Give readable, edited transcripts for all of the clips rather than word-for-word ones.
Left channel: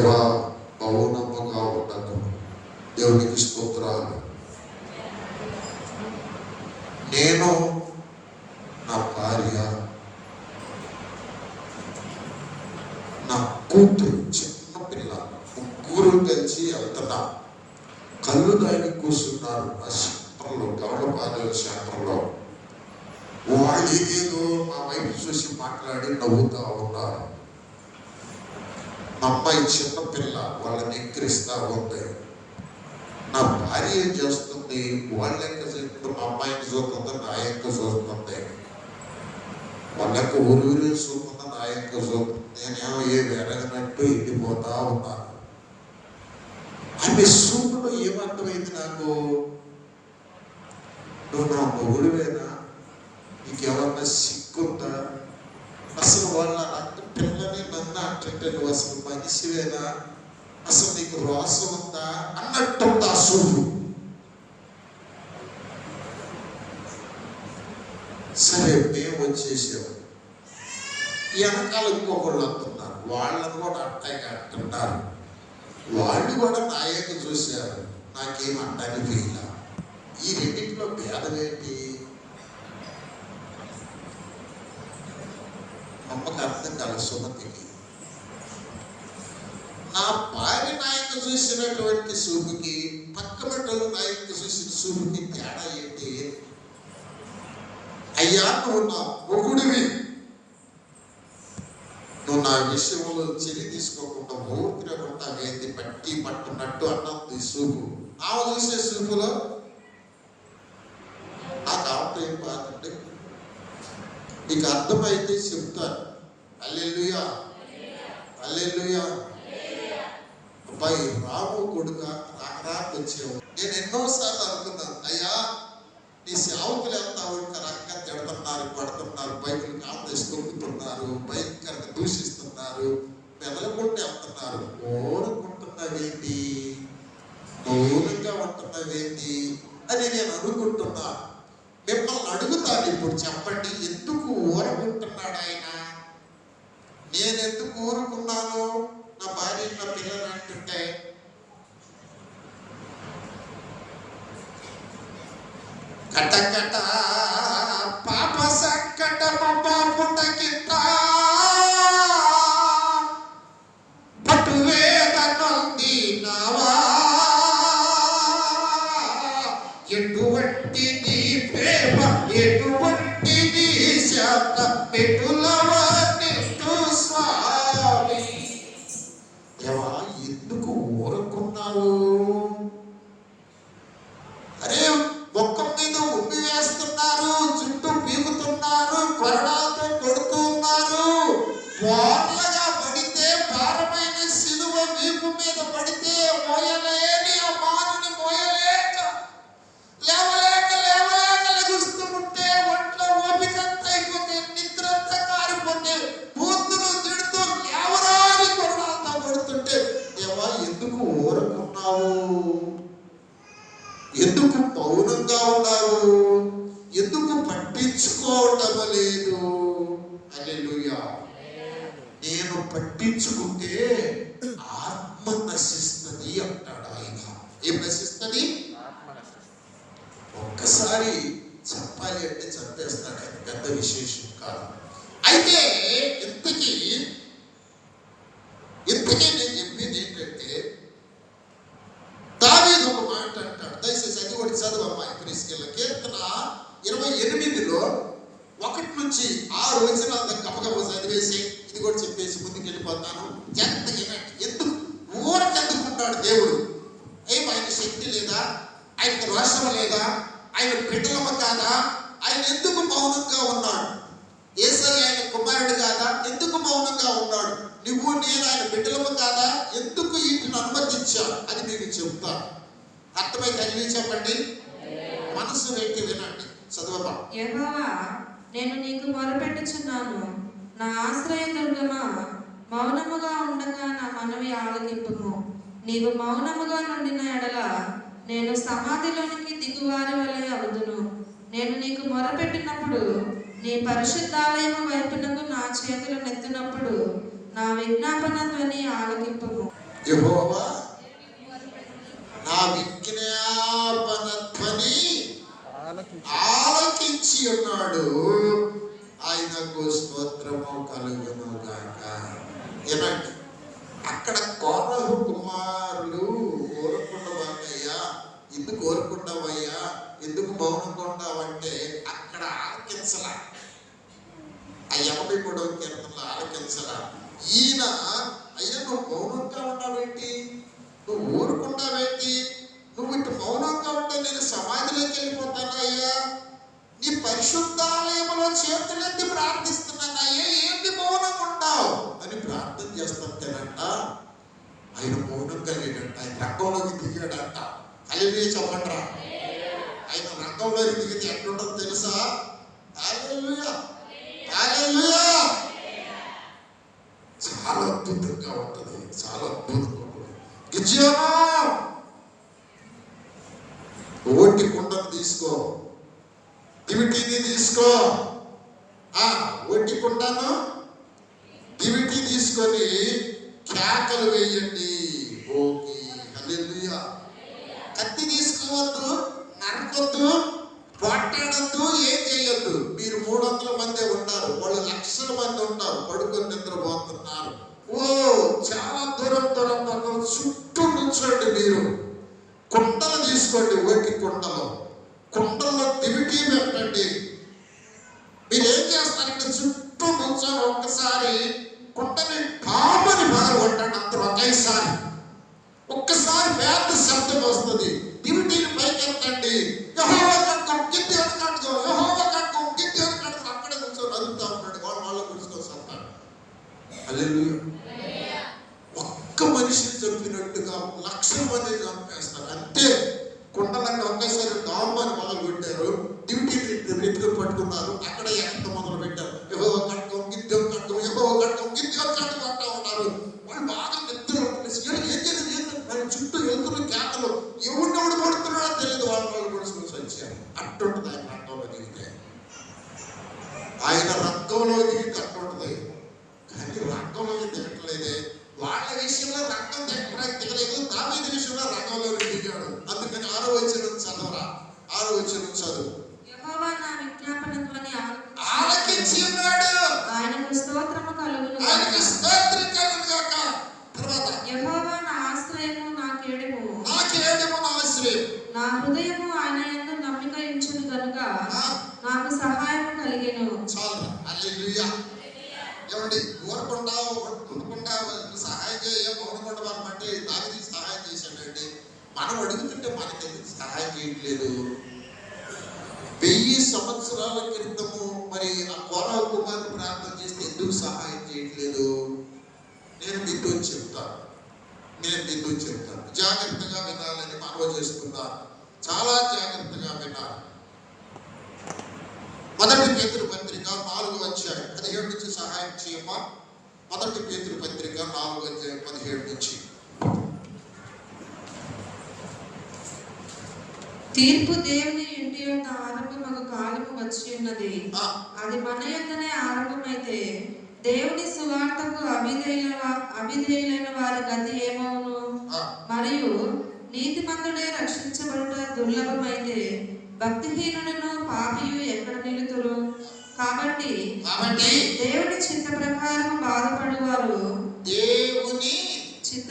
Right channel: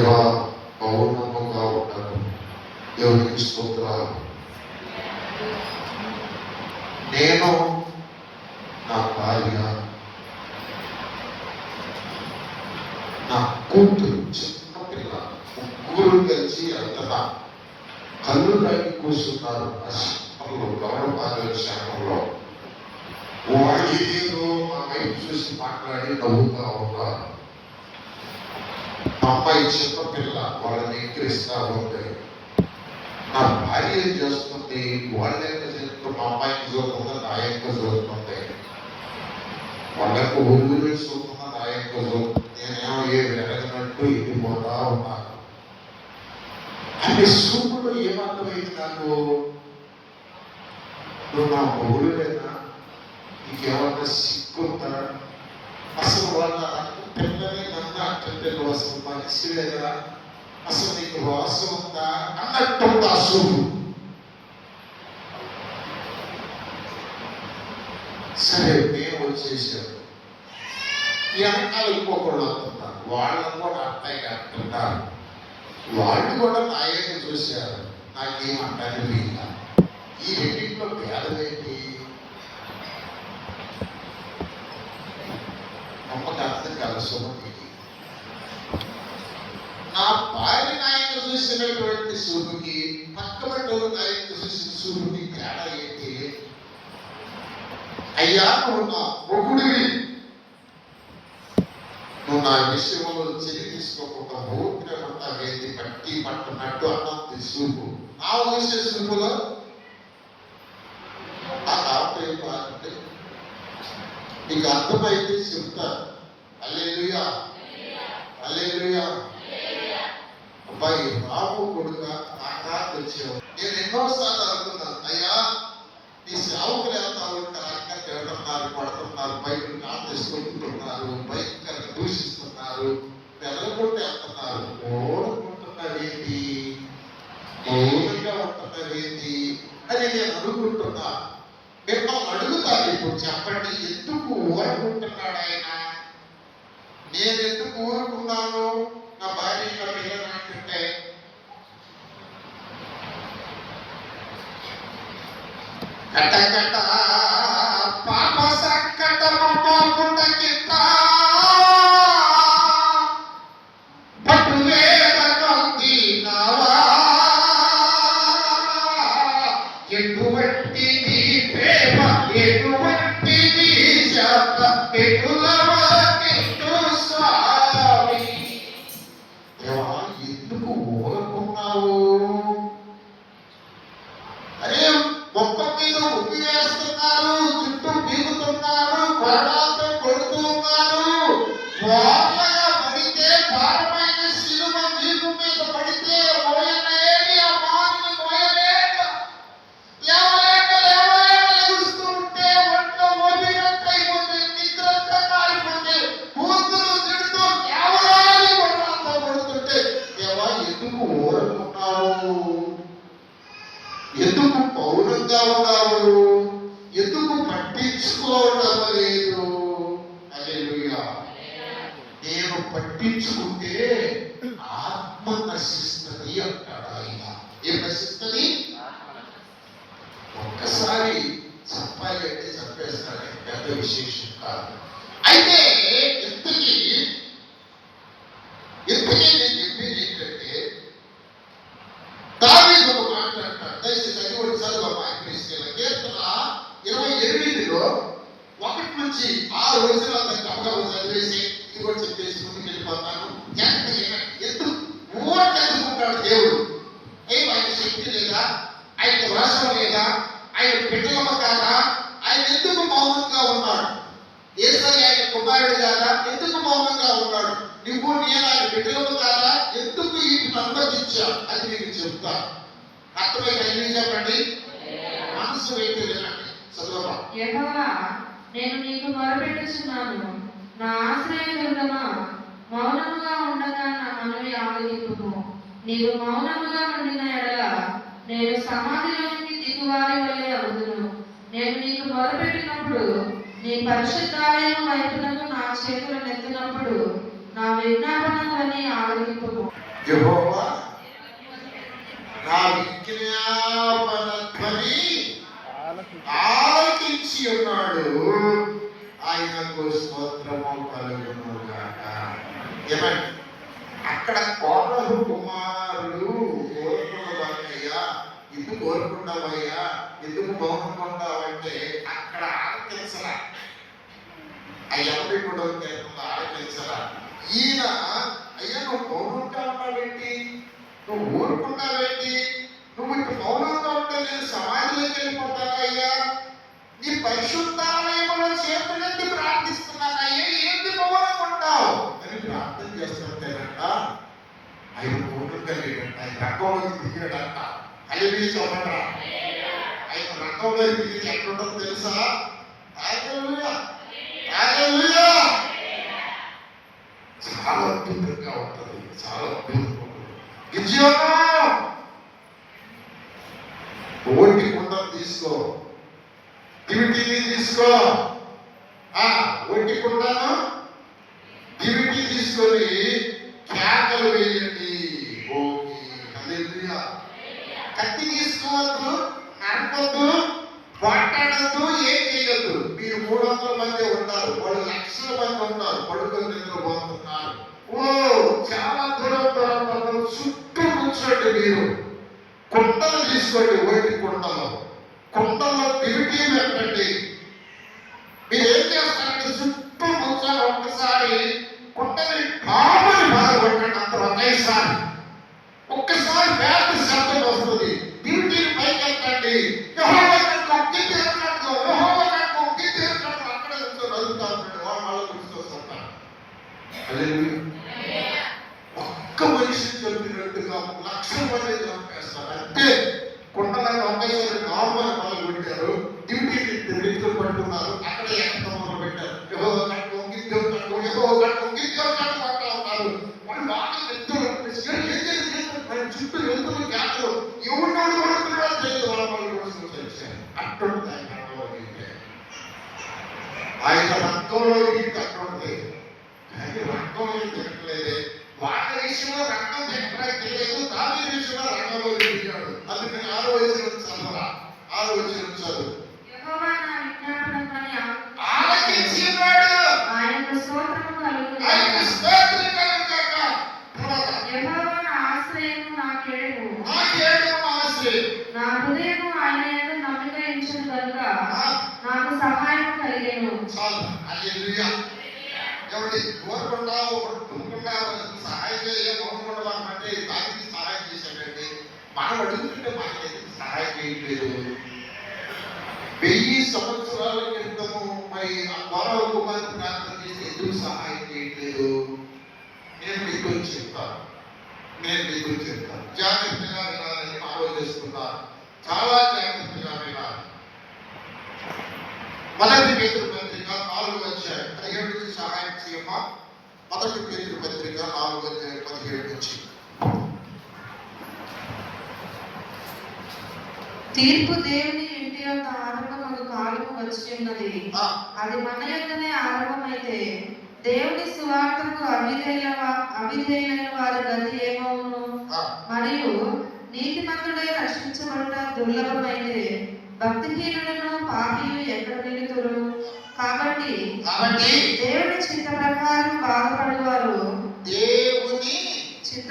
దేవా మౌనముగా ఉండకు. దేవునికి స్తోత్రాలు. నేను, నా భార్య, నా కూతురు, చిన్నపిల్ల, ముగ్గురు కలిసి వెళ్తున్నా. కళ్ళు దాగి కూర్చున్నారు ఆ సెంటర్లో, గమనపాలెం సెంటర్లో. వాళ్ళు ఏదేదో మా వైపు చూసి మాట్లాడి నవ్వుతా ఉన్నారు. అమ్మాయి చిన్నపిల్ల వాళ్ళని ఎక్కిరిస్తా ఉంది. నా భార్య ఏం చేస్తుంది, వాళ్ళ యొక్క చేస్తుంది, మా అమ్మాయికి చూస్తుంది, నా యొక్క చూస్తుంది. వాళ్ళ యొక్క ఊరి చూస్తుంది, నా యొక్క చూస్తుంది. నేనేమో ఏ వెరగినట్టు ఎండిపోతా ఉన్నాను. ఆమె సూపులో ఏమర్థమైంది నాకు, నువ్వు నా మొగుడివేనా, నీకేమన్నా సిగ్గుందా, అసలు వాళ్ళ అంటే పిల్లని నన్ను అంటే నువ్వు అసలు మనిషివేనా, అసలు నీకు రోసం ఉందా అన్నట్టు ఆ సూపు. సరే మేము వచ్చేసాం. వెనకాల ఇంకొకళ్ళు అంటున్నారు, వాళ్ళని కూడా అట్టాయి అంటున్నారు. వాళ్ళు కూడా నాయకు చూశారు, నాకేమంటాను వీళ్ళ. ఈ రెండింటిలో భేదం ఏంటి? అమ్మకు అర్థం కాల సుమతికి. నా భార్య నాయకు చూసినటువంటి సూపుకి, పక్క బట్టలు నాయకు చూసిన సూపుకి తేడా ఏంటి? అయ్యా నువ్వు నా మొగుడివి, నువ్వు నా విషయంలో చర్య తీసుకోకుండా ఊపిరి పట్టావేంది, పట్టి పట్టున్నట్టు అన్నది సూపు. ఆమె చూసే సూపులో ఆ కాపురం ఏం బాగుంది. నీకు అర్థమైతే చెప్తాను. హల్లెలూయా, హల్లెలూయా. అబ్బాయి రాము కొడుక నాకు వచ్చావు. నేను ఎన్నోసార్లు అనుకున్నాను, అయ్యా నీ సేవకులు ఎంత రకంగా తిడుతున్నారు, పడుతున్నారు, బైబిల్ కాంగ్రెస్ తొక్కుతున్నారు, భయంకరంగా దూషిస్తున్నారు, వెదలగొట్టి వెళ్తున్నారు. ఓడుకుంటున్నావేంటి, మౌనంగా ఉంటున్నావేంటి అని నేను అనుకుంటున్నాను. మిమ్మల్ని అడుగుతాను ఇప్పుడు, చెప్పండి, ఎందుకు ఊరుకుంటున్నాడు ఆయన? నేను ఎందుకు ఊరుకున్నాను? నా భార్య నా పిల్లలు అంటుంటే కట్ట కట్ట పాప సంకటము పోకుండకింత పట్టువేద నొందినావా, ఎటువంటిది ప్రేమ, ఎటువంటిది శాంత, ఎటులవా నిట్టు స్వామి. దేవా ఎందుకు ఊరుకున్నావు? అరే మొక్క మీద ఉప్పి వేస్తున్నారు, చుట్టూ పీకుతున్నారు, కొరడాలతో కొడుతూ ఉన్నారు. బోర్లగా పడితే, భారమైన సిలువ వీపు మీద పడితే మోయలేని ఆ మారుని మోయలేక, లేవలేక లేవలేక లెగుస్తూ ఉంటే ఒంట్లో ఓపికంత అయిపోతే, నిద్రంతా కారిపోతే, బూతులు తిడుతూ లేవరాని కొరడాలతో కొడుతుంటే, దేవా ఎందుకు ఊరుకున్నావు? ఎందుకు మౌనంగా ఉన్నావు? ఎందుకు పట్టించుకోవడం లేదు? హల్లెలూయా. నేను పట్టించుకుంటే ఆత్మ నశిస్తుంది అంటాడు ఆయన. ఏం నశిస్తుంది? ఒక్కసారి చెప్పాలి అంటే చంపేస్తాడు ఆయన, పెద్ద విశేషం కాదు. అయితే ఇంతకీ నేను చెప్పింది ఏంటంటే, దావీదు ఒక మాట అంటాడు. దయచేసి అది కూడా చదువమ్మా క్రీస్తుల కీర్తన 28లో 1 నుంచి 6 వచనాల దాకా గబగబ చదివేసి ఇది కూడా చెప్పేసి ముందుకు వెళ్ళిపోతాను. జాగ్రత్తగా ఎందుకు ఊరకెందుకుంటాడు దేవుడు? ఆయన శక్తి లేదా, ఆయనకు రోషం లేదా, ఆయన బిడ్డలమ కాదా? ఆయన ఎందుకు మౌనంగా ఉన్నాడు? యేసయ్య ఆయన కుమారుడు కాదా? ఎందుకు మౌనంగా ఉన్నాడు? నువ్వు నేను ఆయన బిడ్డలము కాదా? ఎందుకు వీటిని అనుమతించావు? అది మీకు చెప్తాను. అర్థమై కలిగి చెప్పండి, మనసు వ్యక్తి వినండి. చదువమ్మా. యెహోవా, నేను నీకు మొరపెట్టుచున్నాను, నా ఆశ్రయదుర్గమా, మౌనముగా ఉండగా నా మనవి ఆలకింపుము. నీవు మౌనముగా నుండిన ఎడల నేను సమాధిలో నుండి దిగువారి వలె అగుదును. నేను నీకు మొరపెట్టినప్పుడు, నీ పరిశుద్ధాలయం వైపునకు నా చేతులు నెత్తినప్పుడు, నా విజ్ఞాపన ధ్వని ఆలకింపుము. యెహోవా నా విజ్ఞాపన ధ్వని ఆలకించి ఉన్నాడు, ఆయనకు స్తోత్రము కలుగును గాక. ఏమండి అక్కడ కోరహు కుమారులు కోరుకున్నదన్నయ్యా, ఎందుకు కోరుకున్నావయ్యా, ఎందుకు మౌనంగా ఉన్నావంటే అక్కడ ఆలకించలా, ఆ 83వ కీర్తనలో ఆలకించలా. ఈయన అయ్యా నువ్వు మౌనంగా ఉన్నావేంటి, నువ్వు ఊరుకున్నావేంటి, నువ్వు ఇటు మౌనంగా ఉంటే నేను సమాధిలోకి వెళ్ళిపోతాను అయ్యా, నీ పరిశుద్ధాలయంలో చేతులెత్తి ప్రార్థిస్తున్నానయ్యా, ఏంటి మౌనంగా ఉంటావు అని ప్రార్థన చేస్తుంటేనంట ఆయన మౌనంగా లేడంట, ఆయన రంగంలోకి దిగాడంట. హల్లెలూయా చెప్పండిరా. ఆయన రంగంలోకి దిగితే ఎక్కడుంటుందో తెలుసా? హల్లెలూయా హల్లెలూయా. చాలా అద్భుతంగా ఉంటుంది, చాలా అద్భుతంగా ఉంటుంది. గిజ్యోను ఓటి కుండను తీసుకో, దివిటీని తీసుకో, ఒట్టి కుండను దివిటీ తీసుకొని కేకలు వేయండి. ఓకే హల్లెలూయా. కత్తి తీసుకోవద్దు, నరకొద్దు, పోట్లాడద్దు, ఏం చేయొద్దు. మీరు 300 మంది ఉన్నారు, వాళ్ళు లక్షల మంది ఉన్నారు, పడుకొని నిద్రపోతున్నారు. ఓ చాలా దూరం చుట్టూ కూర్చోండి. మీరు కుండలు తీసుకోండి, ఓటి కుండల్లో దివిటీ పెట్టండి. మీరు ఏం చేస్తారంటే చుట్టూ కూర్చొని ఒక్కసారి కుండని కామని పడగొట్టండి అందరూ ఒక్కసారి వేద శబ్దం వస్తుంది. దివిటీని పైకి ఎత్తండి. యెహోవా కట్టుకో, గిట్టి కట్టుకో, యెహోవా కట్టుకో, గిట్టి కట్టుకో. అక్కడే కూర్చొని అదుగుతా ఉన్నాడు, వాళ్ళు కూర్చుకొస్తాడు. హల్లెలూయా. ఒక్క మనిషిని చంపినట్టుగా 1,00,000 మంది చంపేస్తారు. అంటే కుండలను ఒకేసారి నార్మల్ మొదలు పెట్టారు, డ్యూటీని నెత్తులు పట్టుకున్నారు, అక్కడే ఎంత మొదలు పెట్టారు. యెహోవా కట్టుకో, గిద్దెం కట్టుకో, యెహోవా కట్టుకో, గిద్దెం కట్టుకో అంటూ ఉన్నారు. వాళ్ళు బాగా నిద్రలు చుట్టూ వెళ్తున్న కేకలు, ఎవరినెవడు పడుతున్నాడో తెలియదు. వాళ్ళు కూడా వచ్చారు. అట్టుంటుంది ఆయన రంగంలో దిగితే, ఆయన రంగంలో దిగి అట్టుంటుంది. కానీ రంగంలో దిగట్లేదే. వాళ్ళ విషయంలో రంగం దిగలేదు, దావీదు విషయంలో రంగంలో దిగాడు. అందుకని 6వ వచనం చదవరా, 6వ వచనం చదువు. యెహోవా నా విజ్ఞాపనధ్వని ఆలకించి ఉన్నాడు, ఆయనకు స్తోత్రము కలుగును గాక. ఆయనకు స్తోత్రం కలుగును గాక. తర్వాత యెహోవా నా ఆశ్రయము, నా కేడము, నా ఆశ్రయం, నా హృదయము ఆయన యందు నమ్మిక ఉంచును గనుక నాకు సహాయము కలిగెను. చాలు. హల్లెలూయా. ఎవరి ఊరకుండా సహాయం చేయ మౌనకుండా మనమంటే దానికి సహాయం చేశాడండి. మనం అడుగుతుంటే మనకి ఎందుకు సహాయం చేయట్లేదు? 1000 సంవత్సరాల క్రితము మరి ఆ కోరహు కుమారుడు ప్రార్థన చేస్తే ఎందుకు సహాయం చేయట్లేదు? నేను మీతో చెప్తాను, జాగ్రత్తగా వినాలని మనవి చేస్తున్నాను. చాలా జాగ్రత్తగా వినాలి. 1 పేతురు పత్రిక 4వ అధ్యాయం 17 నుంచి సహాయం చేయమా. 1 పేతురు పత్రిక 4వ అధ్యాయం 17 నుంచి. తీర్పు దేవుని ఇంటి యొక్క ఆరంభమగు కాలము వచ్చి ఉన్నది. అది మన యొద్దనే ఆరంభమైతే దేవుని సువార్తకు అవిధేయులైన వారి గతి ఏమవును? మరియు నీతిమంతుడై రక్షించబడుట దుర్లభమైతే భక్తిహీనులను పాపియు ఎక్కడ నిలుతురు? కాబట్టి దేవుని చిత్త ప్రకారం బాధపడువారు, దేవుని చిత్త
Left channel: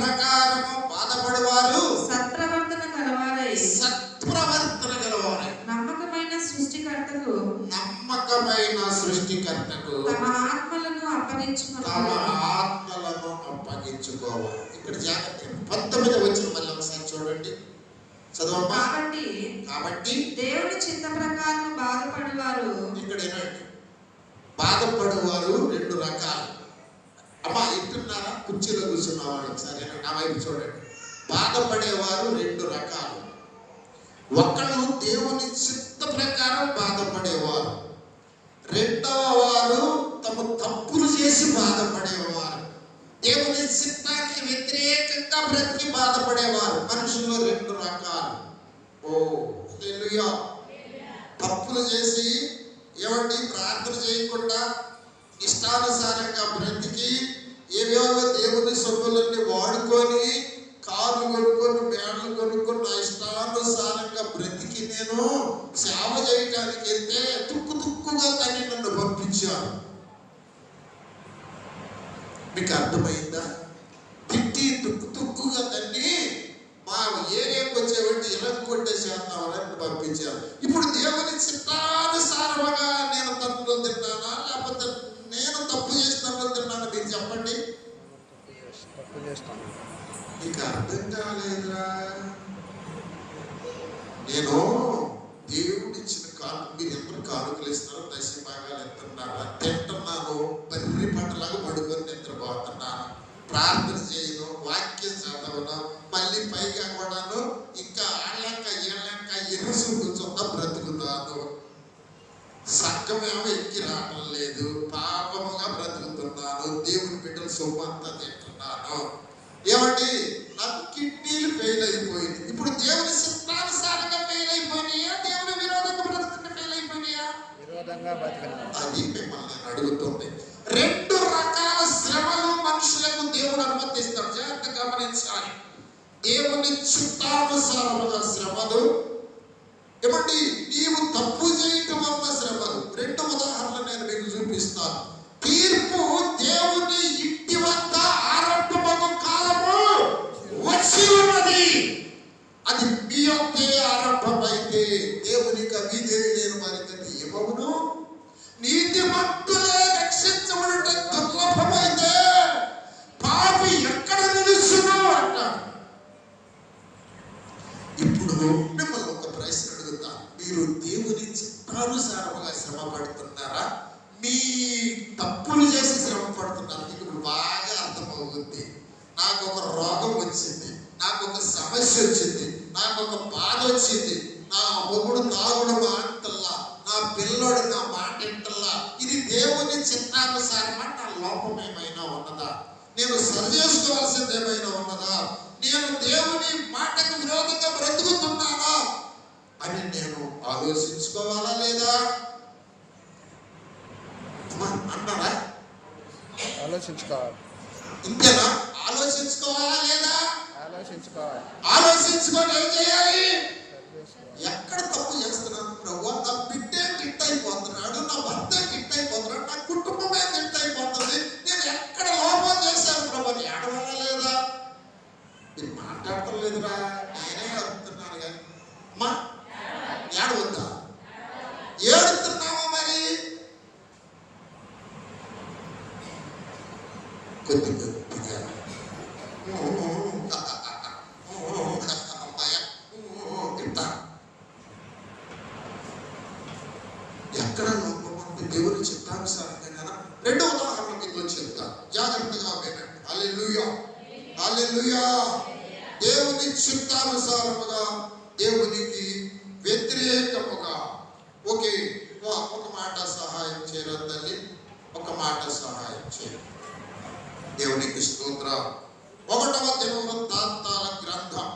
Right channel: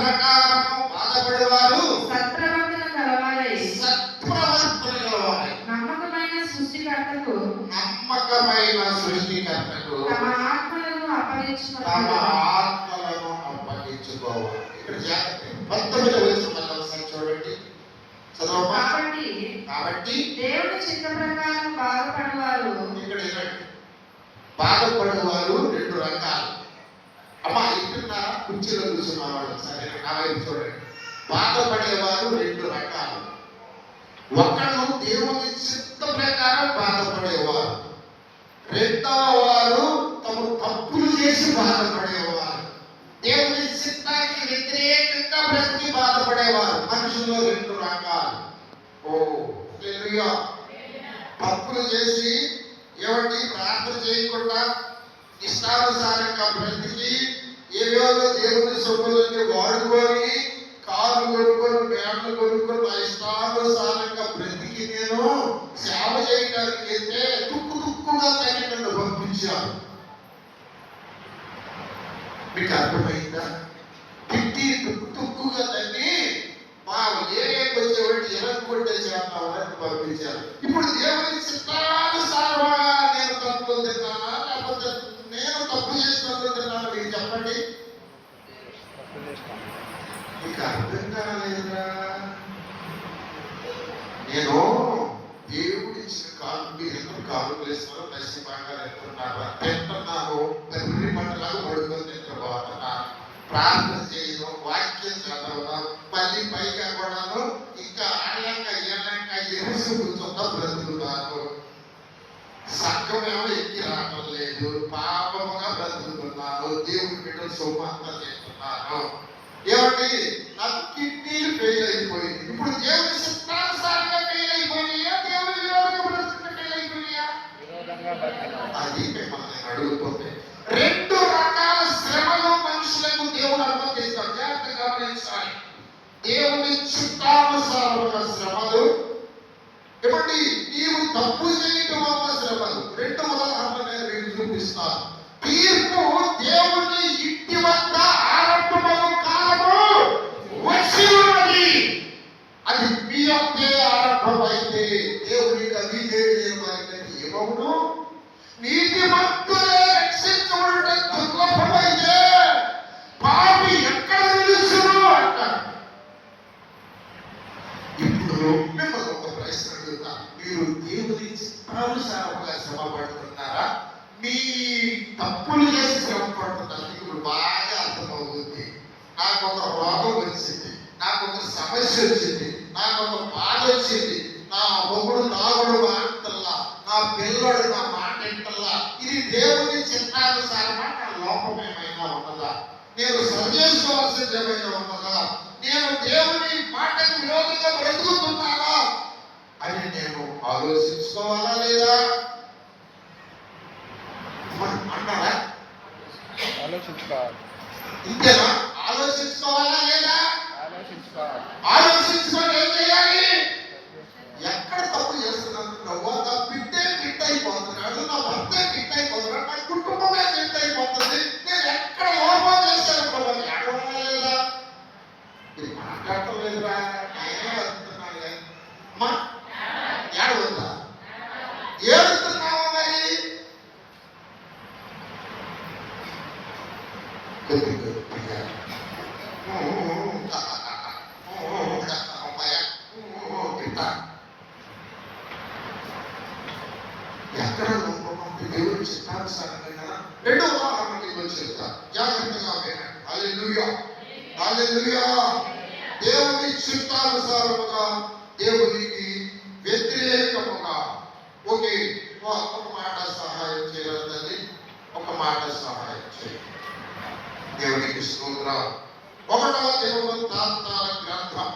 ప్రకారం బాధపడువారు సత్ప్రవర్తన గలవారై నమ్మకమైన సృష్టికర్తకు తమ ఆత్మలను అప్పగించుకోవాలి. ఇక్కడ జాగ్రత్త. 19వ వచనం మళ్ళీ ఒకసారి చూడండి, చదవమ్మా. కాబట్టి దేవుని చిత్త ప్రకారం బాధపడువారు, ఇక్కడ ఏంటంటే బాధపడువారు 2 రకాలు. అమ్మా ఇంటున్నారా? కుర్చీలో కూర్చున్నవాడు ఒకసారి నా వైపు చూడండి. బాధపడేవారు 2 రకాలు. ఒకళ్ళు దేవుని చిత్త ప్రకారం బాధపడేవారు, రెండవ వారు తమ తప్పులు చేసి బాధపడేవారు. దేవుని చిత్తానికి వ్యతిరేకంగా బ్రతికి బాధపడేవారు. మనుషుల్లో 2 రకాలు. ఓ హల్లెలూయా. తప్పులు చేసి ఏమండి ప్రార్థన చేయకుండా ఇష్టానుసారంగా బ్రతికి ఏవేవో దేవుని సొమ్ములన్నీ అర్థమైందా? తిట్టి తుక్కుగా దాన్ని మా ఏరియాకి వచ్చేవాడిని ఎలా కొట్టేసేస్తామని పంపించారు. ఇప్పుడు దేవుని చిత్తానుసారముగా నేను తప్పులు తిన్నానా లేకపోతే నేను తప్పు చేసినప్పుడు తిన్నానా? మీరు చెప్పండి. నీకు అర్థం కాలేదురా. నేను దేవుడు ఇచ్చిన కాలు, మీరు ఎందరూ కాలుకలు ఇస్తున్నారు, దశభాగాలు ఎత్తున్నారా, తింటున్నాను, బర్రి పంటలాగా పడుకొని నిద్రపోతున్నాను, ప్రార్థన చేయను, వాక్యం చదవను, మళ్ళీ పైగా కూడాను ఇంకా ఆళ్ళంక ఏళ్ళంక ఎరుసు కూర్చుందా బ్రతుకుతాను. సంఘమేమో ఎక్కి రావడం లేదు, పాపముగా బ్రతుకుతున్నాను, దేవుని బిడ్డలు సొమ్మంతా తింటున్నాను. ఏమండి, నాకు కిడ్నీలు ఫెయిల్ అయిపోయింది. ఇప్పుడు దేవుని చిత్తానుసారంగా ఫెయిల్ అయిపోయినాయా, దేవుని విరోధంగా బ్రతుకుని ఫెయిల్ అయిపోయినాయా? అది మిమ్మల్ని నేను అడుగుతుంది. రెండు రకాల శ్రమలు మనుషులకు దేవుడు అనుమతిస్తాడు. జాగ్రత్త గమనించాలి. దేవుని చిత్తానుసారముగా శ్రమలు, ఏమండి నీవు తప్పు చేయటం వల్ల శ్రమలు. రెండు ఉదాహరణలు నేను మీకు చూపిస్తాను. తీర్పు దేవుని ఇంటి వద్ద ఆరంభము కాలము వచ్చి ఉన్నది. అది మీ యొక్కే ఆరంభమైతే దేవునికి విధేయులైన వారికి ఏమవును? నీతిమంతులే రక్షించబడుట దుర్లభమైతే పాపి ఎక్కడ నిలుచును అంటాడు. ఇప్పుడు మిమ్మల్ని ఒక ప్రశ్న అడుగుతా. మీరు దేవుని చిత్తానుసారముగా శ్రమ పడుతున్నారా, మీ తప్పులు చేసి శ్రమ పడుతున్నారు? మీకు ఇప్పుడు బాగా అర్థమవుతుంది. నాకు ఒక రోగం వచ్చింది, నాకు ఒక సమస్య వచ్చింది, నాకు ఒక బాధ వచ్చింది, నా మొగుడు తాగుడు మాటల్లా, నా పిల్లడు నా మాట ఇంటల్లా, ఇది దేవుని చిత్తానుసారమా? నా లోపం ఏమైనా ఉన్నదా? నేను సరి చేసుకోవాల్సింది ఏమైనా ఉన్నదా? నేను దేవుని మాటకు విరోధంగా బ్రతుకుతున్నానా అని నేను ఆలోచించుకోవాలా లేదా అంటారా? ఆలోచించుకోవాలి. ఇంతేనా? ఆలోచించుకోవాలా లేదా? ఆలోచించుకొని ఏం చేయాలి? ఎక్కడ తప్పు చేస్తున్నాను ప్రభు? నా బిడ్డే కిట్ అయిపోతున్నాడు, నా భర్త కిట్ అయిపోతున్నాడు, నా కుటుంబమే కిట్ అయిపోతుంది, నేను ఎక్కడ లోపం చేశాను ప్రభు అని ఏడవాలా లేదా? మీరు మాట్లాడటం లేదురా, నేనే అడుగుతున్నాను కానీ మా ఏడవద్దా? ఏడుతున్నావా మరి? కొద్ది కొద్దిగా ఎక్కడ లోపం? దేవుని చిత్తానుసారంగా కదా. రెండో ఉదాహరణ మీకు చెప్తా, జాగ్రత్తగా వినండి. హల్లెలూయా, హల్లెలూయా. దేవుని చిత్తానుసారముగా, దేవునికి వ్యతిరేకముగా. ఓకే, ఒక మాట సహాయం చేయరండి, ఒక మాట సహాయం చేయండి. దేవునికి స్తోత్రం. 1వ దినవృత్తాంతాల గ్రంథం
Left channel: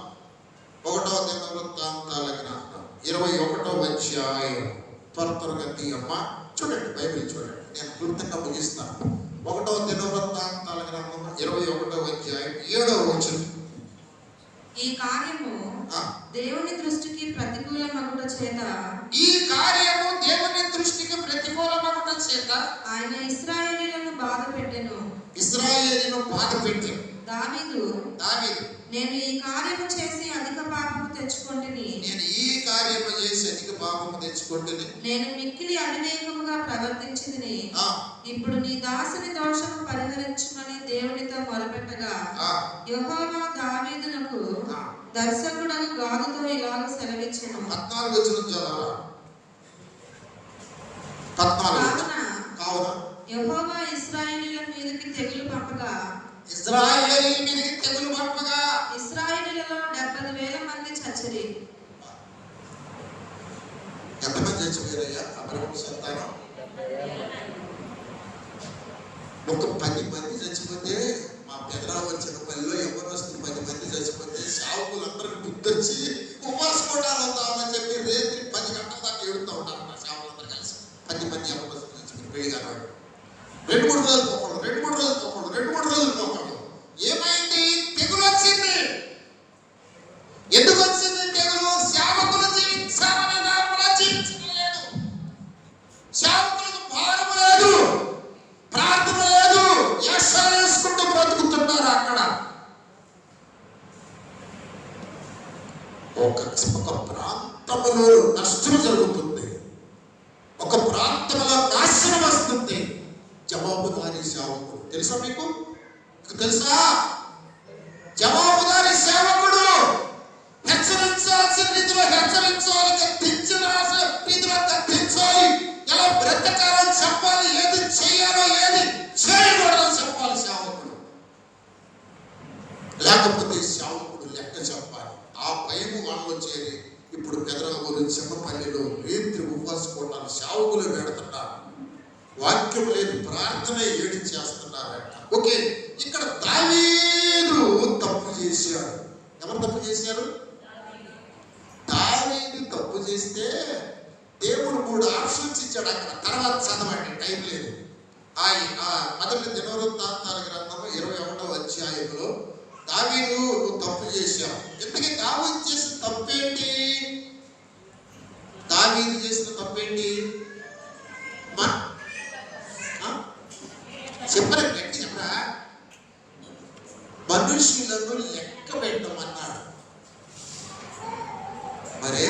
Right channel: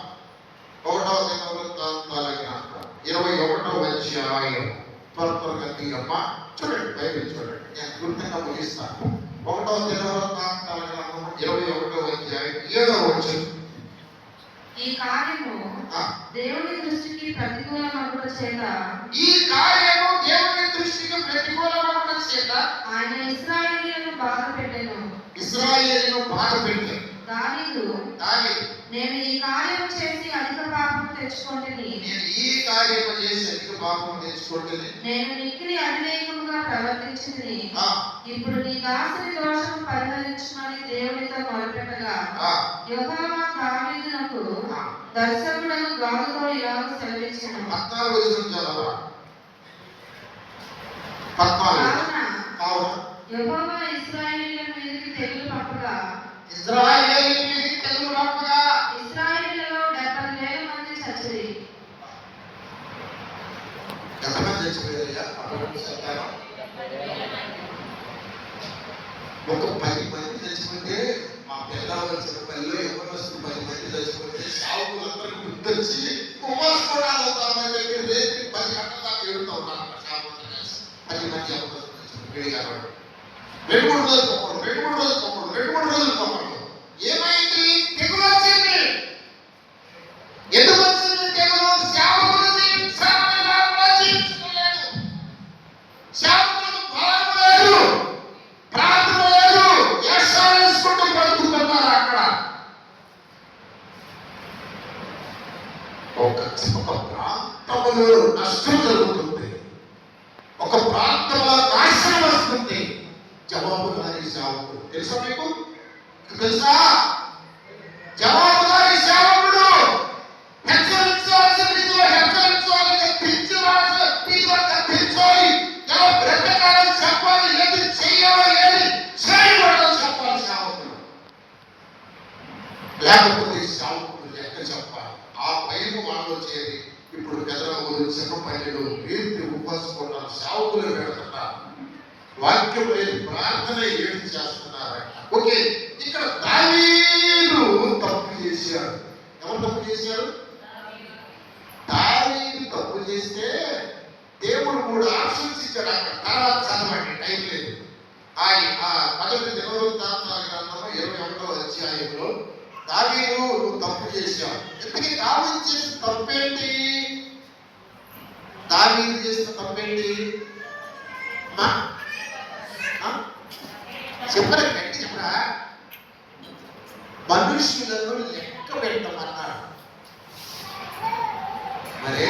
21వ అధ్యాయం. త్వరగా తీయమ్మ, చూడండి, బైబిల్ చూడండి, నేను గుర్తుగా ముగిస్తాను. 1వ దినవృత్తాంతాల గ్రంథం 21వ అధ్యాయం 7వ వచనం. ఈ కార్యము దేవుని దృష్టికి ప్రతికూలమగుట చేత, ఈ కార్యము దేవుని దృష్టికి ప్రతికూలమగుట చేత ఆయన ఇశ్రాయేలీయులను బాధ పెట్టెను. ఇశ్రాయేలును బాధ పెట్టాను. దావీదు నేను ఈ కార్యము చేసి అధిక పాపము తెచ్చుకొంటిని, నేను ఈ కార్యము చేసి అధిక పాపము తెచ్చుకొంటిని, నేను మిక్కిలి అవివేకముగా ప్రవర్తించితిని. ఇప్పుడు నీ దాసుని దోషము పరిహరించుమని దేవునితో మొరపెట్టగా, యెహోవా దావీదునకు దర్శకుడను గాదుతో ఇలాగ సెలవిచ్చెను. 14 వచనం చదవరా. 14 కావున యెహోవా ఇశ్రాయేలీయుల మీదకి తెగులు పంపగా, ఇశ్రాయేలీయుల మీదకి తెగులు పంపగా ఇశ్రాయేలీయులలో 70,000 మంది చచ్చిరి. ఎంతమంది చచ్చిపోయారయ్యా? అబ్రహాము సంతానం ఒక 10 మంది చచ్చిపోతే, మా పెద్దరావు వచ్చిన పనిలో ఎవరొస్తూ 10 మంది చచ్చిపోతే సావుకులందరూ గుర్తొచ్చి ఉపవాసపడాలు అవుతామని చెప్పి రేపు 10 గంటల దాకా ఏడుతూ ఉంటారు. సావులందరూ కలిసి 10 మంది ఎవరు చచ్చిపోతే పెళ్లిగా 2-3 రోజులు పోకూడదు. ఏమైంది? తెగులు వచ్చింది. ఎందుకు వచ్చింది తెగులు? సేవకులు జీవించాలని జీవించుకోలేదు, సేవకులకు భారం లేదు, ప్రార్థన లేదు, వేషాలు వేసుకుంటూ ఒక ప్రాంతంలో నష్టం జరుగుతుంది, ఒక ప్రాంతంలో నాశనం వస్తుంది. జవాబుదారీ సేవకుడు తెలుసా మీకు? తెలుసా? జవాబుదారీ సేవకుడు హెచ్చరించాల్సిన రీతిలో హెచ్చరించాలి, గద్దించాల్సిన రీతిలో గద్దించాలి. ఎలా బ్రతకాలని చెప్పాలి, ఏది చేయాలో ఏది చేయకూడదో చెప్పాలి సేవకుడు. లేకపోతే సేవకుడు లెక్క చెప్పాలి. ఆ పైన వాళ్ళు వచ్చేది. ఇప్పుడు పెదరావులు చిన్నపల్లిలో రేత్రి ఉపవాసపోవటాలు సేవకులు పెడుతున్నారు. వాక్యం లేదు, ప్రార్థన ఏడు చేస్తున్నారంట. ఓకే, ఇక్కడ దావీదు తప్పు చేశాడు. ఎవరు తప్పు చేశారు? దావీదు తప్పు చేస్తే దేవుడు 3 ఆప్షన్స్ ఇచ్చాడు. అక్కడ తర్వాత చదవండి, టైం లేదు. మొదటి దినవృత్తాంతాల గ్రంథము 21వ అధ్యాయంలో దావీదు నువ్వు తప్పు చేశావు. ఎందుకంటే దావీదు చేసిన తప్పేంటి? దావీదు చేసిన తప్పేంటి? చెప్పరా, గట్టి చెప్పరా? మనుషులను లెక్క పెట్టమన్నాడు. మరే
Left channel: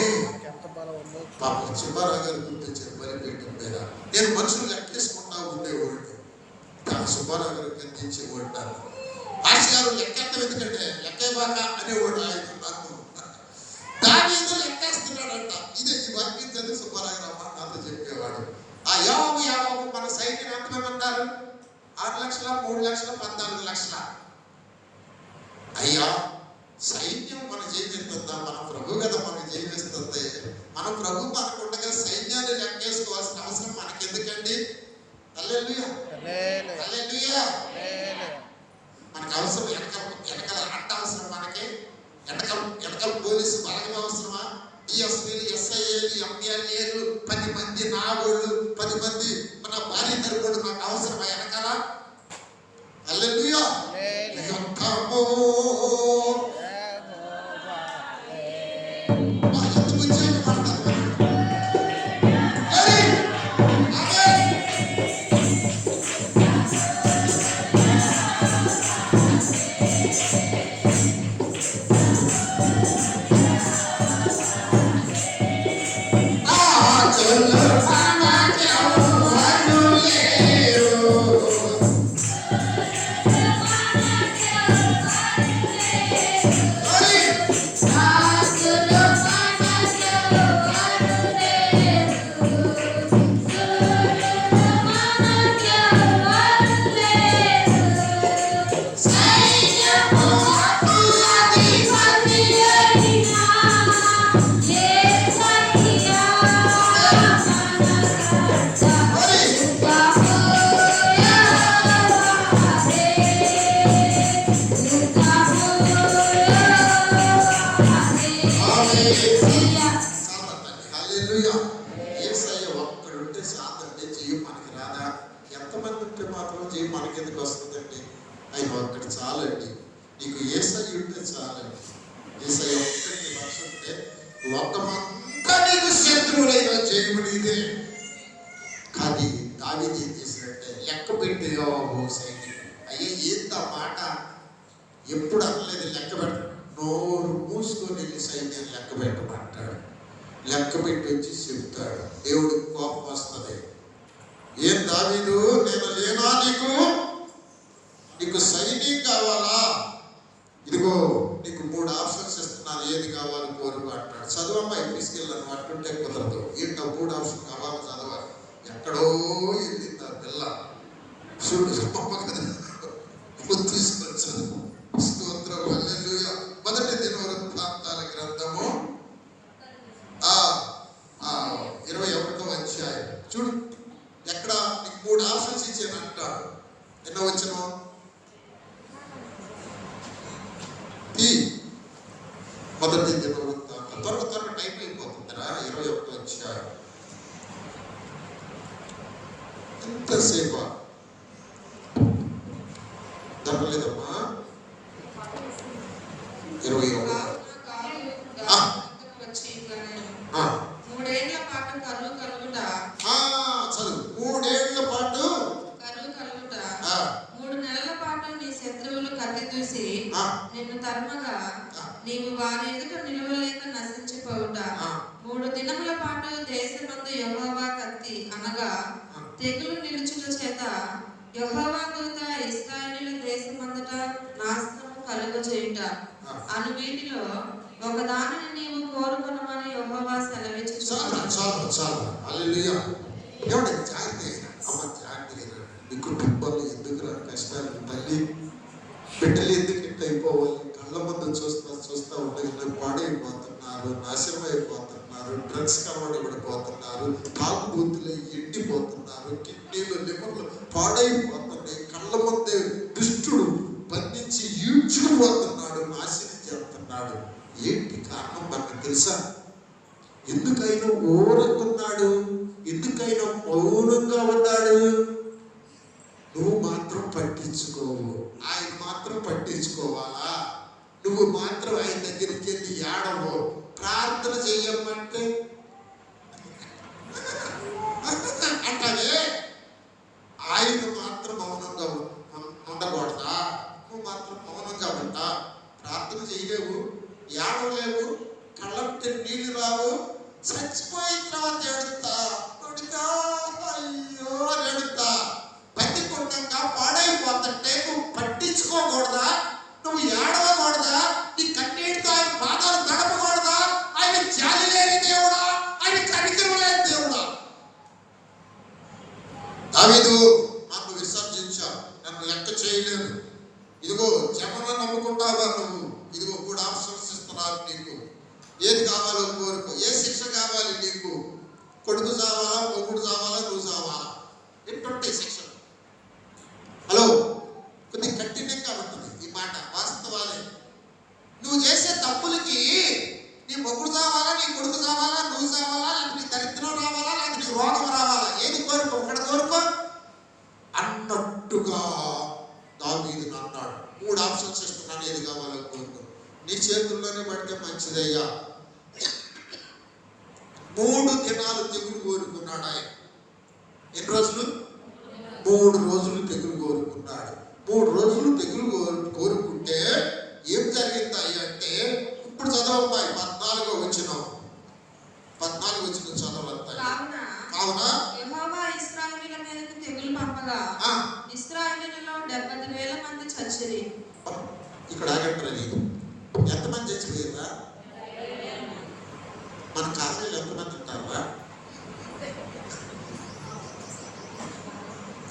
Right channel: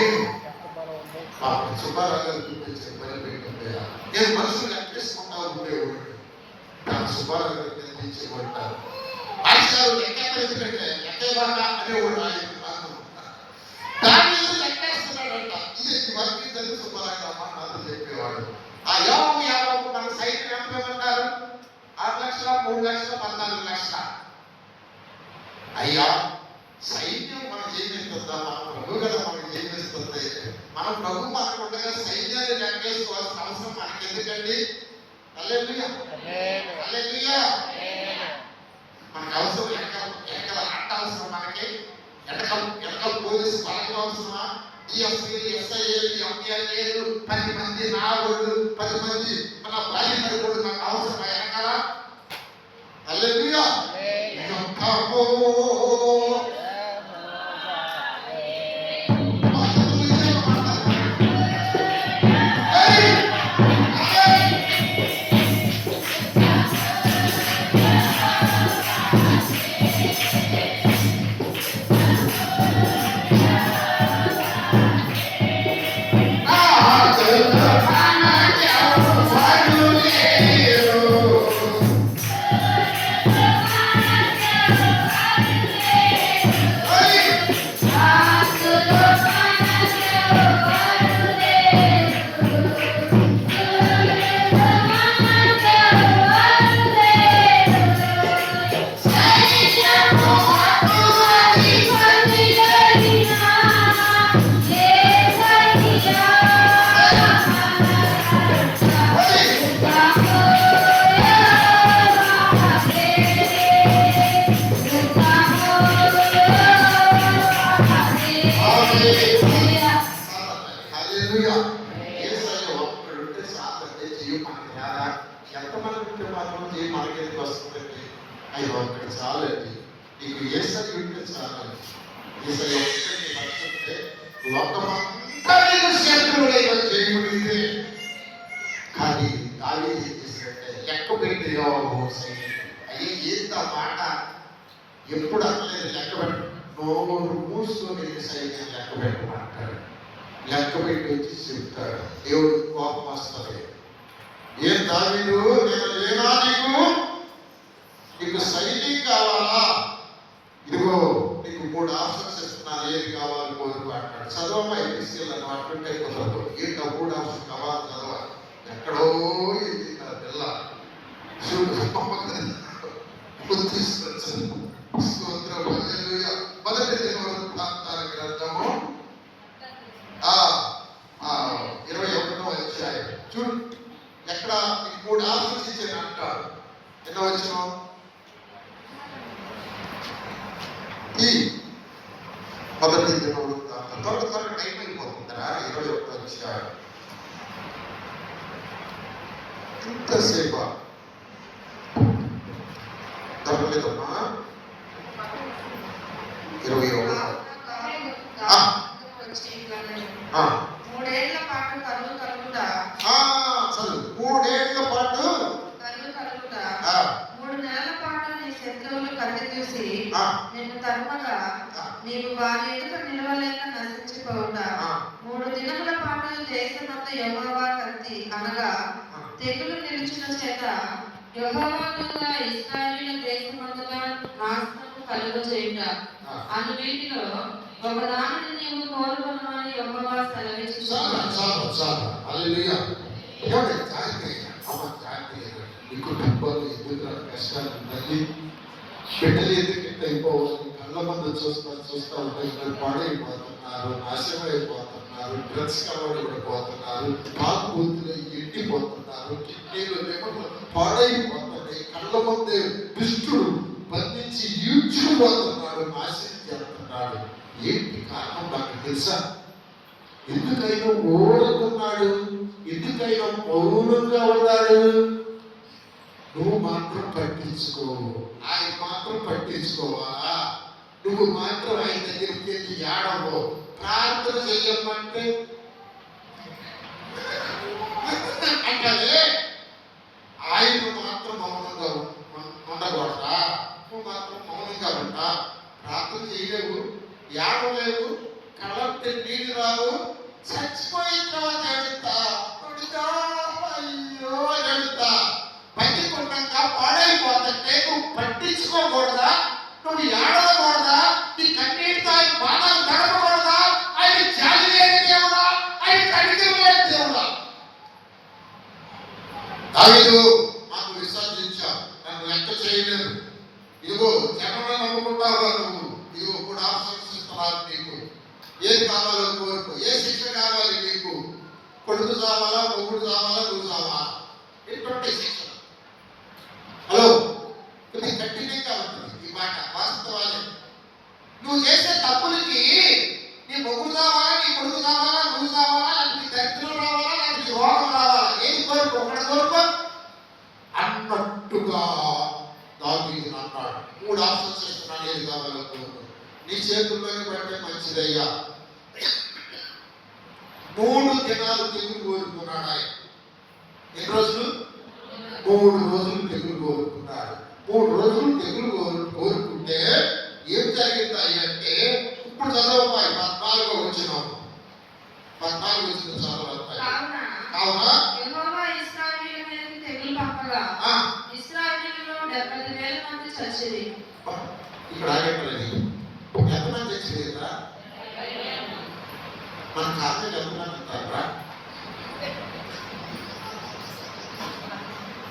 పాపం సుబ్బారావు గారు గుర్తించారు. మరి పెట్టారా? నేను మనుషులు లెక్కేసుకుంటా ఉండేవాడిని. సుబ్బారావు గారు గుర్తించేవాడు. భాషగారు లెక్కెత్తం ఎందుకంటే లెక్కే బాక అనేవాడు ఆయన. దావీదు లెక్కేస్తున్నాడంట. ఇది వర్తించని సుబ్బారావు గారు అమ్మ నాతో చెప్పేవాడు. ఆ యావకు మన సైన్యం ఎంతమంటారు? 6 లక్షల, 3 లక్షల, 14 లక్షల. అయ్యా, సైన్యం మన జయించుతుందా? మన ప్రభు కదా మనకు జయించుతుంది. మన ప్రభు మనకు ఉండగా సైన్యాన్ని లెక్కేసుకోవాల్సిన అవసరం మనకెందుకండి? హల్లెలూయా, హల్లెలూయా. మనకు అవసరం వెనకల అట్ట అవసరం, మనకి వెనకల పోలీసు బలగం అవసరమా? డిఎస్పీలు, ఎస్ఐఏలు, ఎంపీఎల్ఏలు, 10 మంది నా వాళ్ళు, 10 మంది మన భార్య తరపుడు నాకు అవసరమా వెనకాల? హల్లెలూయా. ఎంతమంది ఉంటే మాత్రం చేయి మనకెందుకు వస్తుందండి? ఆయన ఒక్కటి చాలండి. నీకు యేసయ్య ఉంటే చాలండి. యేసయ్య ఒక్కటి మర్చిపోతే లోకమంతా నీకు శత్రువులైన చేయమనిదే. కానీ దావీదు ఏం చేసినట్టే లెక్క పెట్టి అయ్యే ఏంత మాట ఎప్పుడు అనలేదు. లెక్క పెట్టు, నోరు మూసుకొని సైన్యం లెక్క పెట్టమంటాడు. లెక్క పెట్టి వచ్చి చెప్తాడు. దేవుడికి కోపం వస్తుంది. ఏం దావీదు, నేను లేనా? నీకు సైన్యం కావాలా? ఇదిగో నీకు 3 ఆప్షన్స్ ఇస్తున్నాను, ఏది కావాలని కోరుకు అంటాడు. చదవమ్మాయి తీసుకెళ్ళాను అంటుంటే కుదరదు. ఏంటో 3 ఆప్షన్ కావాలి, చదవాలి. ఎక్కడో వెళ్ళింది ఆ పిల్ల. తీసుకొచ్చాను. స్తోత్రం, హల్లెలూయా. మొదటి దినవృత్తాంతాల గ్రంథము 21వ అధ్యాయం చూడు. ఎక్కడ నీకు 3 ఆప్షన్స్ ఇచ్చాను అంటాడు. ఎన్నో వచ్చిన మొదటి దినవృత్తాంతం. త్వరగా టైం అయిపోతుందిరా. 21వ అధ్యాయం. ఎంతసేపా దొరకలేదమ్మా? 21 3 ఏళ్ల పాటు కరువు కలుగుట. చదువు. 3 ఏళ్ల పాటు కరువు కలుగుట. 3 నెలల పాటు నీ శత్రువులు కత్తి దూసి కలిసి ఆ, నిన్ను తరుమగా ఆ, నీవు వారి ఎదుట నిలవలేక నశించిపోవుట. ఆ, 3 దినముల పాటు దేశమందు యెహోవా కత్తి అనగా ఆ. తెగులు నిలిచిన చేత యెహోవా దూత ఇశ్రాయేలీయుల దేశమంతటా నాశనము కలుగజేయుట అను వీటిలో ఒకదానిని నీవు కోరుకొనమని యెహోవా చాలు సెలవిచ్చుచున్నాడు. చాలు చాలు హల్లెలూయా. ఏమంటే జాగ్రత్త అమ్మ జాగ్రత్త. నీ కుటుంబాలు ఎందుకు కష్టాలు ఉంటాయి, బిడ్డలు ఎందుకు ఇంత అయిపోవాలి, కళ్ళ ముందు చూస్తా ఉంటే మీరు పాడైపోతున్నారు, నాశనం అయిపోతున్నారు, డ్రగ్స్ అలవాటు పడిపోతున్నారు, కాపు బూతులు ఎండిపోతున్నారు, కిడ్నీలు లివర్లు పాడైపోతున్నాయి, కళ్ళ ముందే దుష్టుడు బంధించి ఈడ్చుకుపోతున్నాడు, నాశనం చేస్తున్నాడు. ఏంటి కారణం నాకు తెలుసా? ఎందుకైనా ఓడుకున్నాడు, ఎందుకైనా మౌనంగా ఉన్నాడు. నువ్వు మాత్రం పట్టించుకోవు, ఆయన మాత్రం పట్టించుకోవాలా? నువ్వు మాత్రం ఆయన దగ్గరికి వెళ్ళి ఏడవో, ప్రార్థన చెయ్యమంటే అంటే ఆయన మాత్రం మౌనంగా ఉండకూడదా? నువ్వు మాత్రం మౌనంగా ఉంటా, ప్రార్థన చేయలేవు, ఏడవలేవు, కళ్ళంటే నీళ్ళు రావు, చచ్చిపోయిన తర్వాత ఎడుతా అయ్యో ఎడుతా పట్టిపుణ్యంగా పాడైపోతుంటే నువ్వు పట్టించుకోకూడదా? నువ్వు ఏడవకూడదా? నీ కన్నీటితో ఆయన పాదాలు గడపకూడదా? ఆయన జాలి లేని దేవుడా, ఆయన కనికరం లేని దేవుడా? దావీదు నన్ను విసర్జించా, నన్ను లెక్క చేయలేదు, ఇదిగో జనను నమ్ముకుంటావా నువ్వు, ఇదిగో కూడా ఆప్షన్స్ ఇస్తున్నారు నీకు, ఏది కావాలో కోరుకో, ఏ శిక్ష కావాలి నీకు, కొడుకు చావాలా, మొగుడు చావాలా, నువ్వు చావాలా, ఎటువంటి శిక్షణ? హలో, కొద్దిగా కఠినంగా ఉంటుంది ఈ మాట, వాస్తవాలే. నువ్వు చేసే తప్పులకి నీ మొగుడు చావాలా, నీ కొడుకు చావాలా, నువ్వు చావాలా, లేకపోతే నీ దరిద్రం రావాలా, లేకపోతే నీ రోగం రావాలా, ఏది కోరుకో, ఒకటి కోరుకో అన్నట్టుగా దావీదు అన్నాడు. 3 ఆప్షన్స్ ఇస్తున్నాను, ఏది కావాలో కోరుకో, నీ చేతుల్లోనే పడితే మంచిదయ్యా. 3 దినాలు తెగులు కోరుకున్నాడు ఆయన. ఎన్ని రోజులు? 3 రోజులు తెగులు కోరుకున్నాడు. 3 రోజులు తెగులు కోరుకుంటే ఏం జరిగింది అంటే, ఇప్పుడు చదవమ్మాయి 14వ వచనం, 14వ వచనం చదవతాయి. కావున యెహోవా ఇశ్రాయేలీయుల మీదకి తెగులు పంపగా ఇశ్రాయేలీయులలో 70,000 మంది చచ్చిరి. ఇక్కడ ఆగట్లేదు, ఎంతమంది చచ్చిపోయారా? మన కాలనీలో ఎంతమంది ఉంటారా?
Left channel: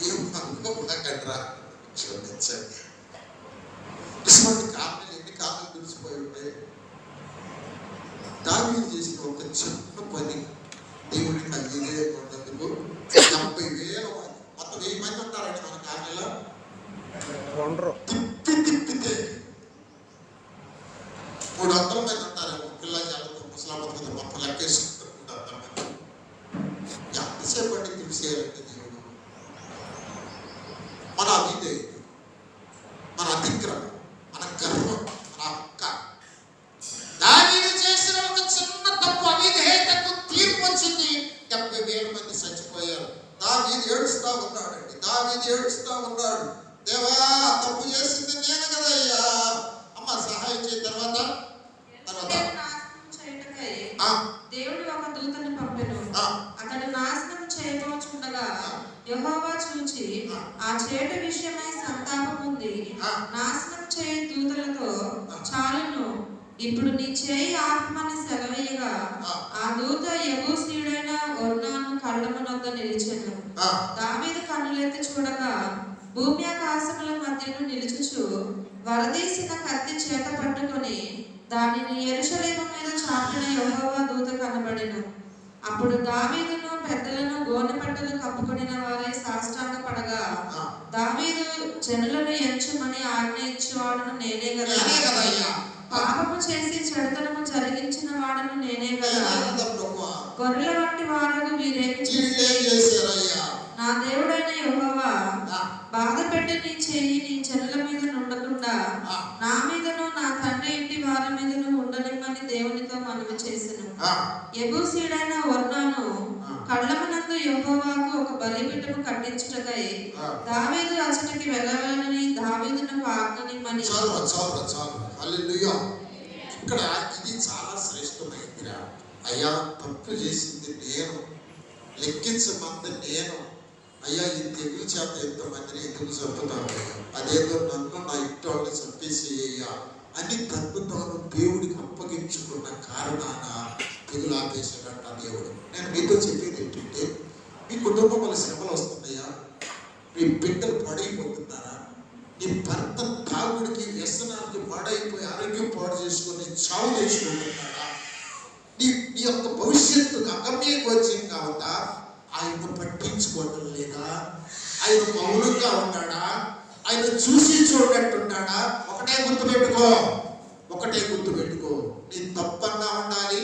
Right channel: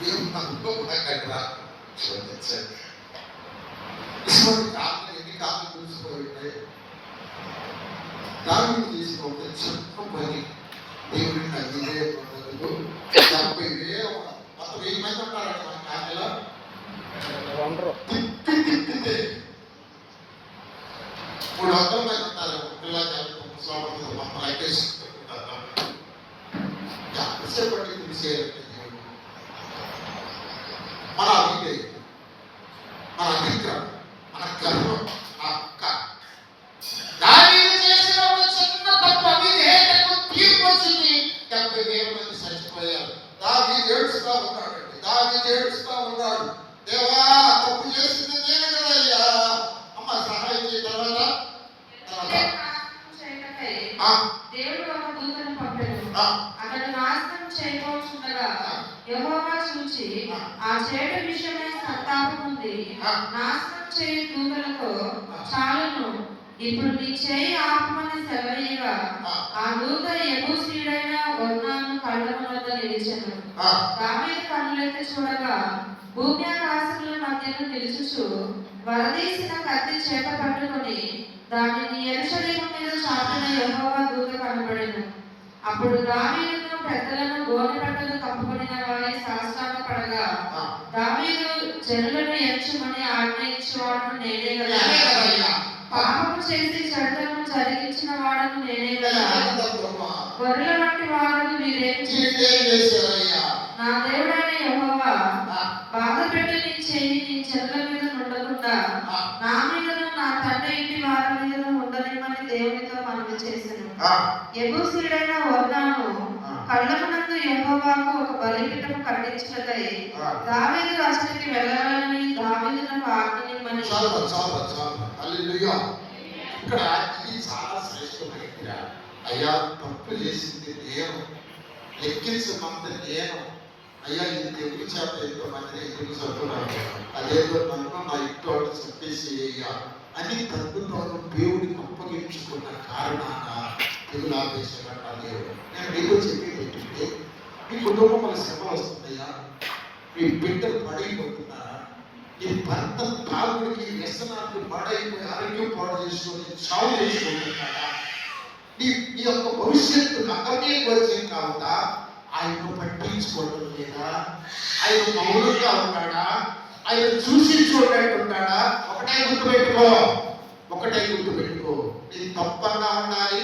ఏమనుకోకరా, చూపించండి. ఇటువంటి కాలనీలు ఎన్ని కాలనీలు తెలిసిపోయి ఉంటాయి. దావీదు చేసిన ఒక చిన్న పని దేవుడికి ఇదే పొందేందుకు 70,000 మొత్తం 1000 మంది ఉంటారండి మన కాలనీలో. తిప్పితే 300 మంది ఉంటారు. పిల్లలు చదువుతూ ముసలాడుతుంది మొత్తం లెక్కేసుకుంటారు. ఎంతసేపు అండి తెలిసేయాలంటే దేవుడు మన అవిదే, మన అతిక్రమం, మన గర్వం, మన అక్క దావీదు చేసిన ఒక చిన్న తప్పు అవిధేయతకు తీర్పు వచ్చింది. 70,000 మంది చచ్చిపోయారు. దావీదు ఏడుస్తా ఉన్నాడండి, దావీదు ఏడుస్తా ఉన్నాడు. దేవా, తప్పు చేసింది నేను కదయ్యా, అమ్మ సహాయం చేయ. తర్వాత దేవుడు ఒక దూతను పంపెను. అతడు నాశనం చేయబోచుండగా యెహోవా చూచి ఆ చేటు విషయమై సంతాపం ఉంది, నాశనం చేయి దూతలతో చాలును, ఇప్పుడు నీ చేయి ఆపమని సెలవీయగా ఆ దూత యెబూసీయుడైన ఒర్నాను కళ్ళమునొద్ద నిలిచెను. దావీదు కన్నులెత్తి చూడగా భూమి ఆకాశముల మధ్యను నిలుచుచు వరదీసిన కత్తి చేత పట్టుకొని దానిని యెరూషలేము మీద చాపిన యెహోవా దూత కనబడెను. అప్పుడు దావీదును పెద్దలను గోనెపట్టలు కప్పుకొనిన వారై సాష్టాంగపడగా, దావీదు జనులను ఎంచమని ఆజ్ఞ ఇచ్చేవాడును నేనే కదా, పాపము చేసి చెడుతనము జరిగించిన వాడును నేనే కదా, గొర్రెల వంటి వారు వీరేమి చేశారయ్యా? నా దేవుడైన యెహోవా బాధ పెట్టి నీ చెయ్యి నీ జనుల మీద నుండకుండా నా మీదను నా తండ్రి ఇంటి వారి మీదను ఉండనిమ్మని దేవునితో మనవి చేసెను. యెబూసీయుడైన ఒర్నాను కళ్ళమునందు యెహోవాకు ఒక బలిపీఠము కట్టించుటకై దావీదు అతనికి వెళ్ళవలనని దావీదునకు ఆజ్ఞనిమ్మని. చాలు హల్లెలూయా. ఇక్కడ ఇది చాలా శ్రేష్టమైందిరా. అయ్యా తప్పు చేసింది నేను, లెక్కించమంది నేను. అయ్యా ఈ తెగులు చేత ఎంతమందిని ఎందుకు చంపుతాను, అదేదో నన్ను నా ఇంటోళ్ళు చంపేసి అయ్యా అని తగ్గుతాను దేవుడికి అప్పగించుకున్న కారణాన తెగులు ఆపేసాడంట దేవుడు. నేను మీతో చెప్పేది ఏంటంటే, మీ కుటుంబంలో శ్రమలు వస్తున్నాయా, మీ బిడ్డలు పాడైపోతున్నారా, నీ భర్త తాగుడికి వ్యసనానికి పాడైపోయి ఆరోగ్యం పాడు చేసుకొని చావు చేసుకుంటున్నాడా, నీ యొక్క భవిష్యత్తు అగమ్యగోచరం కావద్దా, ఆయన పట్టించుకోవడం లేదా, ఆయన మౌనంగా ఉన్నాడా, ఆయన చూసి చూడట్టున్నాడా? ఒకటే గుర్తుపెట్టుకో, నీ తప్పన్నా ఉండాలి,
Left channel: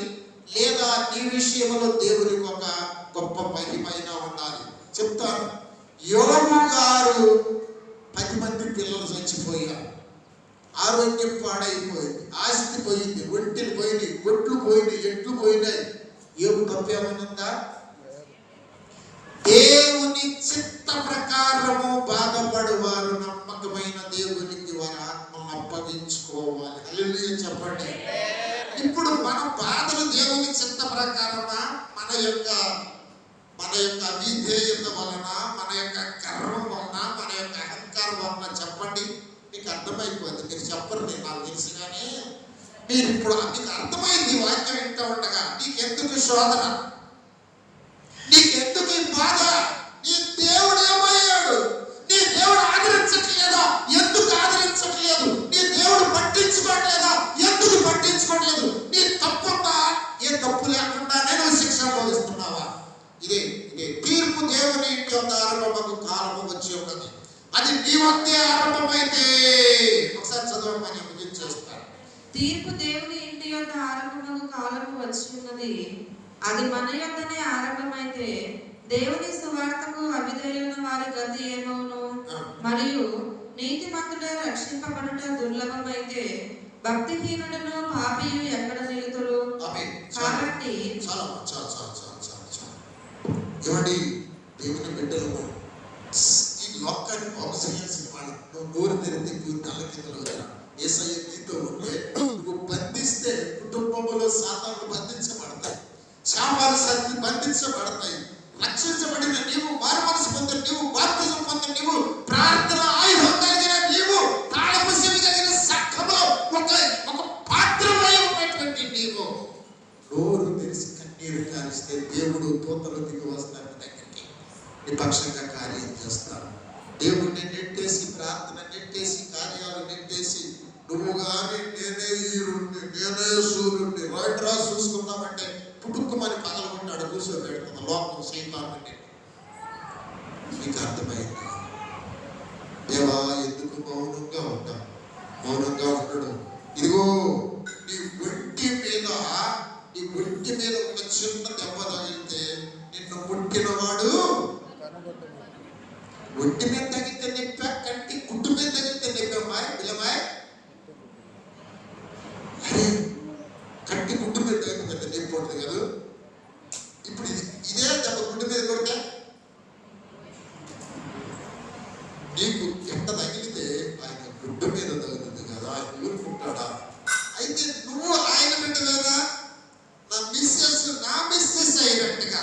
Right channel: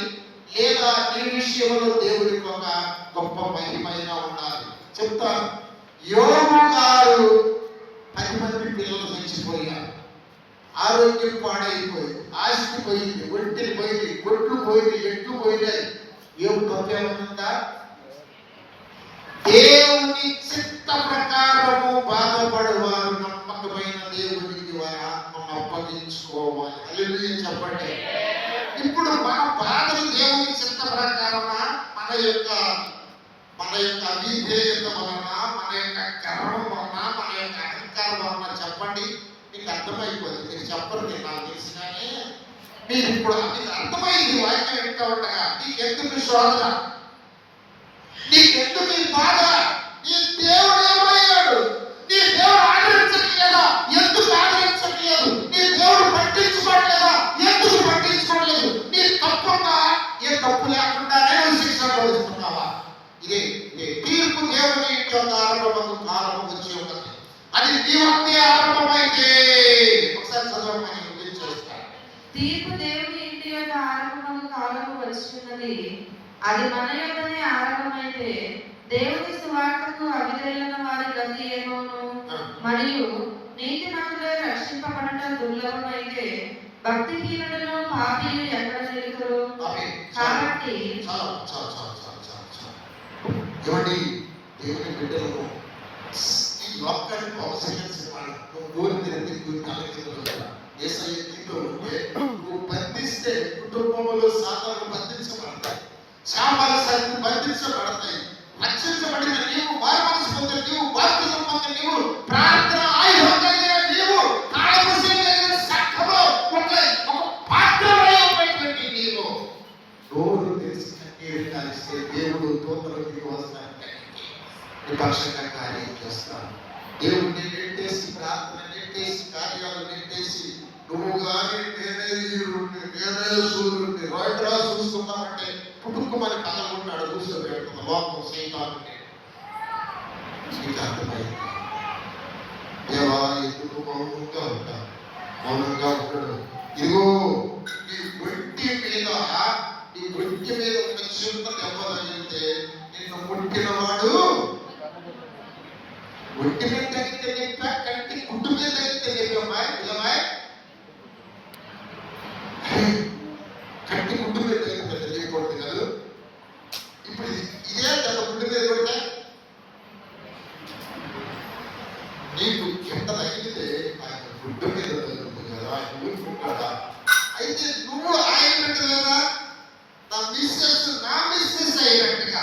లేదా నీ విషయంలో దేవునికి ఒక గొప్ప మహిమైన ఉండాలి. చెప్తాను, యోబు గారు 10 మంది పిల్లలు చచ్చిపోయారు, ఆరోగ్యం పాడైపోయింది, ఆస్తి పోయింది, ఒంటిని పోయింది, గొడ్లు పోయింది, ఎట్లు పోయినాయి. యోబు తప్పేమనుందా? దేవుని చిత్త ప్రకారము బాధపడువారు నమ్మకమైన దేవునికి వారి ఆత్మను అప్పగించుకోవాలి. హల్లెలూయా చెప్పండి. ఇప్పుడు మన బాధలు దేవుని చిత్త ప్రకారమా, మన యొక్క అవిధేయత వలన, మన యొక్క గర్వం వలన, మన యొక్క అహంకారం వలన? చెప్పండి. మీకు అర్థమైపోయింది, మీరు చెప్పరు, నేను నాకు తెలుసు. కానీ మీరు ఇప్పుడు మీకు అర్థమైంది వాక్యం వింటూ ఉండగా. నీకెందుకు శోధన, నీకెందుకు ఈ బాధ? నీ దేవుడు ఏమయ్యాడు? నీ దేవుడు ఆదరించట్లేదా? ఎందుకు ఆదరించట్లేదు? నీ దేవుడు పట్టించుకోవట్లేదా? ఎందుకు పట్టించుకోవట్లేదు? నీ తప్పున్నా ఏ తప్పు లేకుండా నేను శిక్ష అనుభవిస్తున్నావా? ఇదే తీర్పు దేవుని యొక్క ఆరంభము కాలము వచ్చి ఉన్నది. అది నీ వద్దే ఆరంభమైతే ఒకసారి చదవమని ముగించేస్తాను. తీర్పు దేవుని ఇంటి యొక్క ఆరంభము కాలము వచ్చి ఉన్నది, అది మన యొక్కనే ఆరంభమైతే దేవుని సువార్తకు అవిధేయులైన వారి గతి ఏమవును? మరియు నీతిమంతులే రక్షింపబడట దుర్లభమైతే భక్తిహీనులను పాపియు ఎక్కడ నిలుతురు? కాబట్టి ఏమండి, దేవుని బిడ్డలకు ఈ లోకాన్ని ప్రోత్సహించాలి. నువ్వు నోరు తెరిపి తల కింద యేసయ్య నీతో ఉంటే నువ్వు బంధిస్తే కుటుంబంలో సాధారణ బంధించబడతాయి, శాపాలు సరిగ్గా బంధించబడతాయి. రక్షించబడిన నీవు, వారి మనసు పొందిన నీవు, బాప్తిజం పొందిన నీవు, ప్రార్థన ఆయుధం కలిగిన నీవు, తాళపుసలు కలిగిన సంఘంలో ఒక పాత్రమై ఉన్నటువంటి నీవు నోరు తెలిసి కన్నీరు కారిస్తే దేవుడు దూతలు దిగి వస్తారు, నిపక్షంగా కార్యం చేస్తాడు. దేవుడిని నెట్టేసి, ప్రార్థన నెట్టేసి, కార్యాలు నెట్టేసి, నువ్వు కానీ నేనే ఈరుణ్ణి, నేనే సూర్యుడిని రైట్రా చూసుకుందామంటే పుట్టుకుమని పగలగొట్టాడు, కూర్చోబెడుతున్న లోకం సైతాన్ని. నీకు అర్థమైంది? దేవా ఎందుకు మౌనంగా ఉండడు? ఇదిగో నీ ఒంటి మీద ఒక చిన్న దెబ్బ తగిలితే నిన్ను ముట్టినవాడు ఒంటి మీద తగిలితే నిప్పా, కంటి గుడ్డు మీద తగిలితే నిప్పమ్మాయి పిల్లమాయ్. కంటి గుడ్డు మీద తగిలితే నిప్పకూడదు కదా. ఇప్పుడు ఇదే దెబ్బ గుడ్డు మీద కొడితే నీకు ఎంత తగిలితే ఆయన గుడ్డు మీద తగులుతుంది కదా, ఆయన ఊరుకుంటాడా? అయితే నువ్వు ఆయన బిడ్డ కదా, నా మిస్సెస్ అయినట్టుగా